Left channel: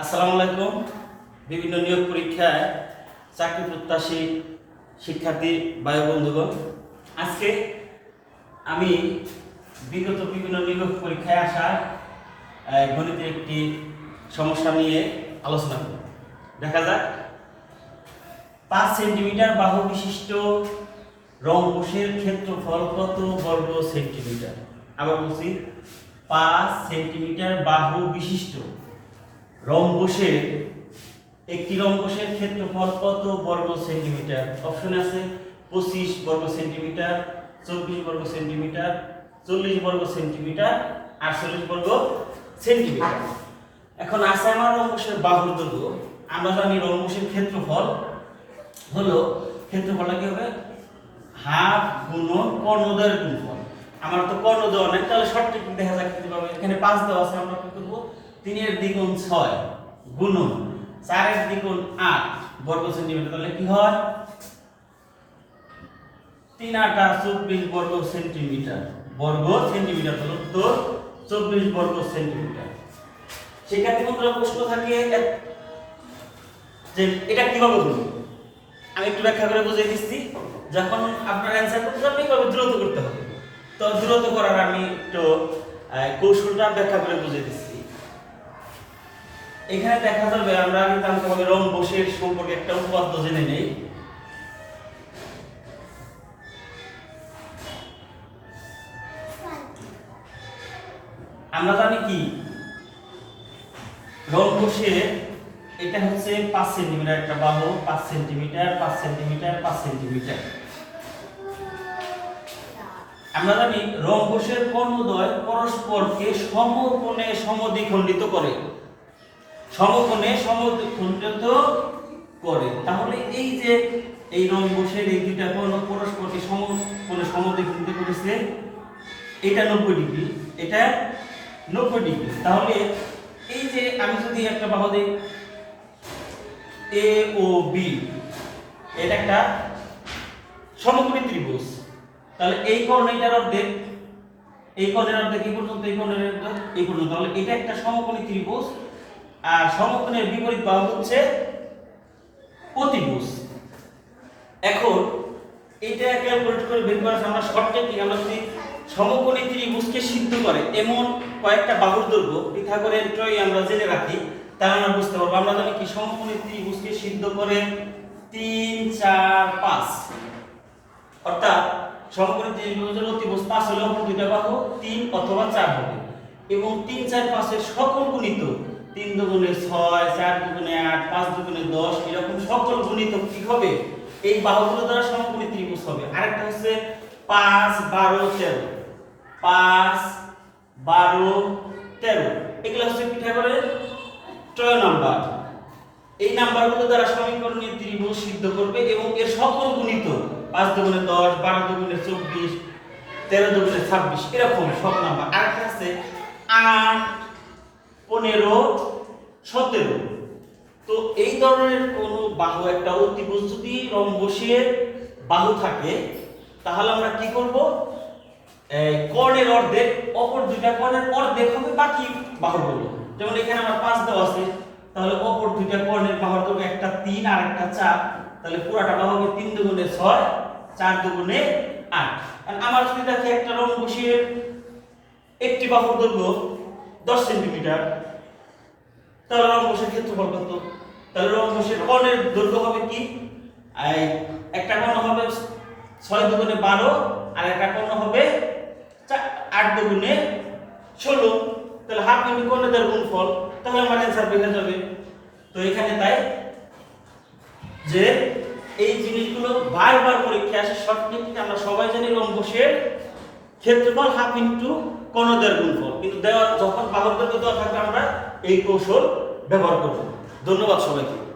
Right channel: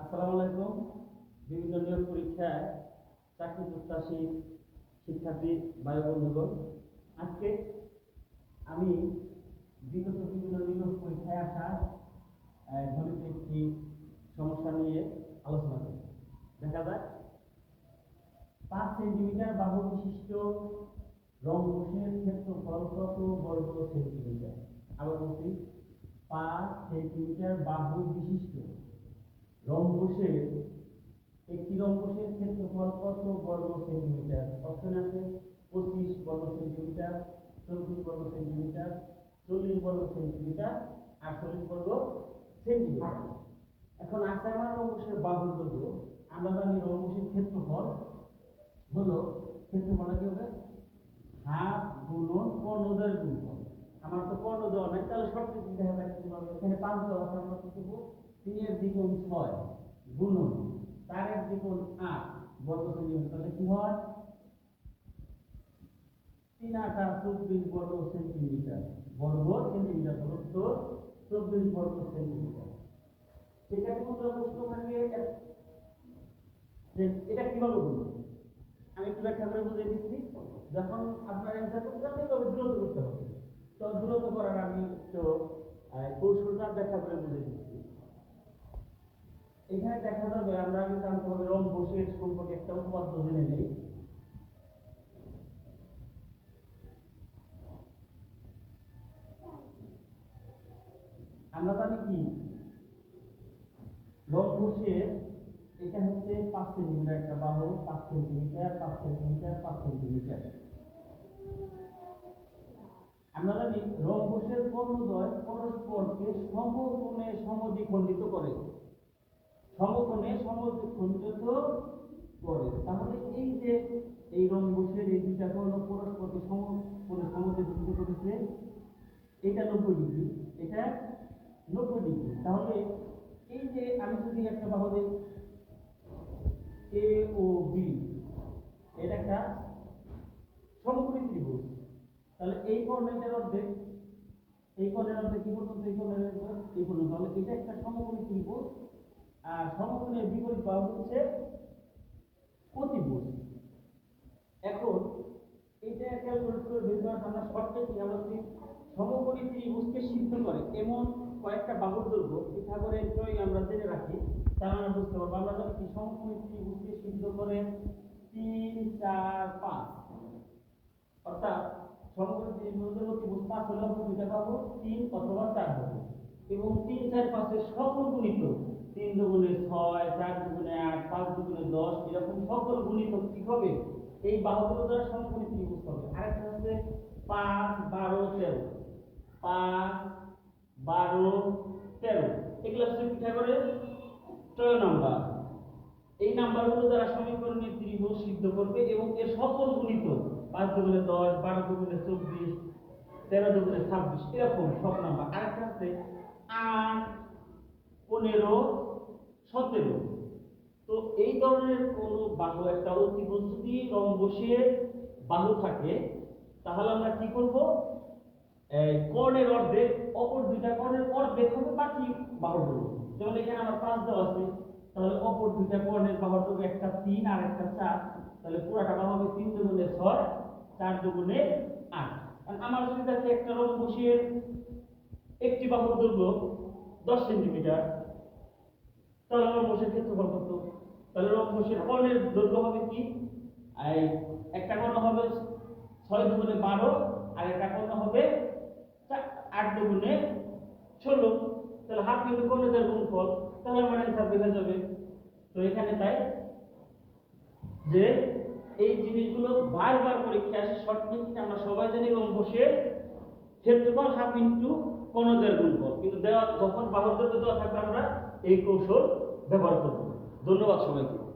আসসালামু আলাইকুম। বিভিন্ন নিয়োগ পরীক্ষায় চাকরি প্রত্যাশী শিক্ষার্থী বায়ু বন্ধুগণ, আজকে আমি বিগত বিভিন্ন নিয়োগ পরীক্ষায় আসা গণিতের একটি সমস্যা নিয়ে আলোচনা করব। দেখা যাক। পাঁচ সেন্টিমিটার বাহু বিশিষ্ট রম্বসের ক্ষেত্রফল কত বর্গ সেন্টিমিটার? আবার বলছি পাঁচ সেন্টিমিটার বাহু বিশিষ্ট। রম্বসের, একটি রম্বসের ক্ষেত্রফল কত বর্গ সেন্টিমিটার? অপশন আছে পঁচিশ বর্গ সেন্টিমিটার, চব্বিশ বর্গ সেন্টিমিটার, চল্লিশ বর্গ সেন্টিমিটার, আটচল্লিশ বর্গ সেন্টিমিটার। এখন আছে আমার রম্বসের বাহুর দৈর্ঘ্য, আমরা জানি রম্বসের ক্ষেত্রফল হলো, ক্ষেত্রফলটা কি হবে? হাফ গুণন কর্ণদয়ের গুণফল। আমার তো কর্ণদয় অনেক তাহলে শর্ট টেকনিক দেখা যাক কীভাবে এখানে পাঁচ দেওয়া আছে, আমরা কি করব? তিনের দ্বিগুণ ছয়, গুণন। চারের দ্বিগুণ আট, বর্গ সেন্টিমিটার। তাহলে কি হয়? তিন আটা চব্বিশ বর্গ সেন্টিমিটার। বর্গ সেন্টিমিটার হলো তো চব্বিশ বর্গ সেন্টিমিটার। সেক্ষেত্রে বন্ধুরা প্রশ্ন থাকে? যে এটা কীভাবে করব আমি একটু ব্যাখ্যা করে বুঝিয়ে দিচ্ছি। যখন আপনার অ্যান্সার করতে যাবেন এইভাবে দ্রুত করতে হবে? তো দ্রুত করার আমি একটু কৌশলটা ব্যাখ্যা করে বুঝিয়ে দিচ্ছি। এখানে দেখা যাবে আমরা আগে জানতে হবে রম্বসের সম্পর্কে একটা উপপাদ্য জেনে নেই। আমরা জানি কি? রম্বসের এটা হচ্ছে পাঁচ সেন্টিমিটার একটা বাহু, পাঁচ সেন্টিমিটার পাঁচ সেন্টিমিটার পাঁচ সেন্টিমিটার। আমরা জানি রম্বসের কর্ণদ্বয় পরস্পরকে সমকোণে সমদ্বিখণ্ডিত করে। সমকোণে সমদ্বিখণ্ডিত করে। তাহলে এই যে এই রম্বসের এই দুইটা কোণ পরস্পরকে সমকোণে সমদ্বিখণ্ডিত করেছে, এটা নব্বই ডিগ্রি, এটা নব্বই ডিগ্রি। তাহলে এই যে আমি যদি একটা বাহু দিই, এ ও বি, এটা একটা সমকোণী ত্রিভুজ। তাহলে এই কোণ এটার অর্ধেক, এই কোণের অর্ধেক এই পর্যন্ত, এই কোণের অর্ধেক, এই পর্যন্ত। তাহলে এটা একটা সমকোণী ত্রিভুজ, আর সমকোণের বিপরীত বাহু হচ্ছে অতিভুজ এখন এটা ক্যালকুলেট করে বের করার আমরা শর্ট টেকনিক আমরা যদি সমকোণী ত্রিভুজকে সিদ্ধ করে, এমন কয়েকটা বাহুর দৈর্ঘ্য পিথাগোরের ট্রয় আমরা জেনে রাখি, তাহলে আমরা বুঝতে পারব, আমরা জানি কি সমকোণী ত্রিভুজকে সিদ্ধ করে তিন, চার, পাঁচ। অর্থাৎ সমকোণী ত্রিভুজের অতিভুজ পাঁচ হলে অপর দুইটা বাহু, তিন অথবা চার হবে। এবং তিন, চার, পাঁচের সকল গুণিত, তিন দুগুণে ছয়, চার দুগুণে আট, পাঁচ দুগুণে দশ, এরকম সকল গুণিত কি হবে? এই বাহুগুলো দ্বারা সমকোণী ত্রিভুজ হবে। আরেকটা হচ্ছে পাঁচ, বারো, তেরো। পাঁচ, বারো, তেরো। এগুলো হচ্ছে পিঠাগোরের টয় নাম্বার। এই নাম্বারগুলো দ্বারা সমীকরণীয় ত্রিভুজ সিদ্ধ করবে এবং এর সকল গুণিত পাঁচ দুগুণে দশ, বারো দুগুণে চব্বিশ, তেরো দুগুণে ছাব্বিশ, এরকম সব নাম্বার। আরেকটা আছে আট, পনেরো, সতেরো। তো এই ধরনের কোন বাহু, একটা অতিভুজ যদি রম্বসের বাহু থাকে, তাহলে আমরা কি করব? কর্ণের অর্ধেক, অপর দুইটা কর্ণের অর্ধেক হবে বাকি বাহুগুলো যেমন এখানে আমার পাঁচ দেওয়া আছে, তাহলে অপর দুইটা কর্ণের বাহুর দৈর্ঘ্য একটা তিন আর একটা চার। তাহলে পুরাটা বাহু হবে তিন দুগুণে ছয়, চার দুগুণে আট। আর আমার যদি দেখে একটা রম্বসের একটি বাহুর দৈর্ঘ্য দশ সেন্টিমিটার, তাহলে রম্বসের ক্ষেত্রফল কত? তাহলে রম্বসের কর্ণের দৈর্ঘ্য হবে কি? একটা কর্ণ হবে ছয় দুগুণে বারো, আর একটা কর্ণ হবে আট দুগুণে ষোলো। তাহলে হাফ ইন্টু কর্ণের গুণফল, তাহলে আমার অ্যান্সার বের যাবে। তো এখানে তাই যে এই জিনিসগুলো বারবার পরীক্ষা আসে, সঠিক আমরা সবাই জানি রম্বসের ক্ষেত্রফল হাফ ইন্টু কণদের গুণফল। কিন্তু দেওয়া যখন বাহকদেরকে দেওয়া থাকবে, আমরা এই কৌশল ব্যবহার করব। ধন্যবাদ সবাইকে।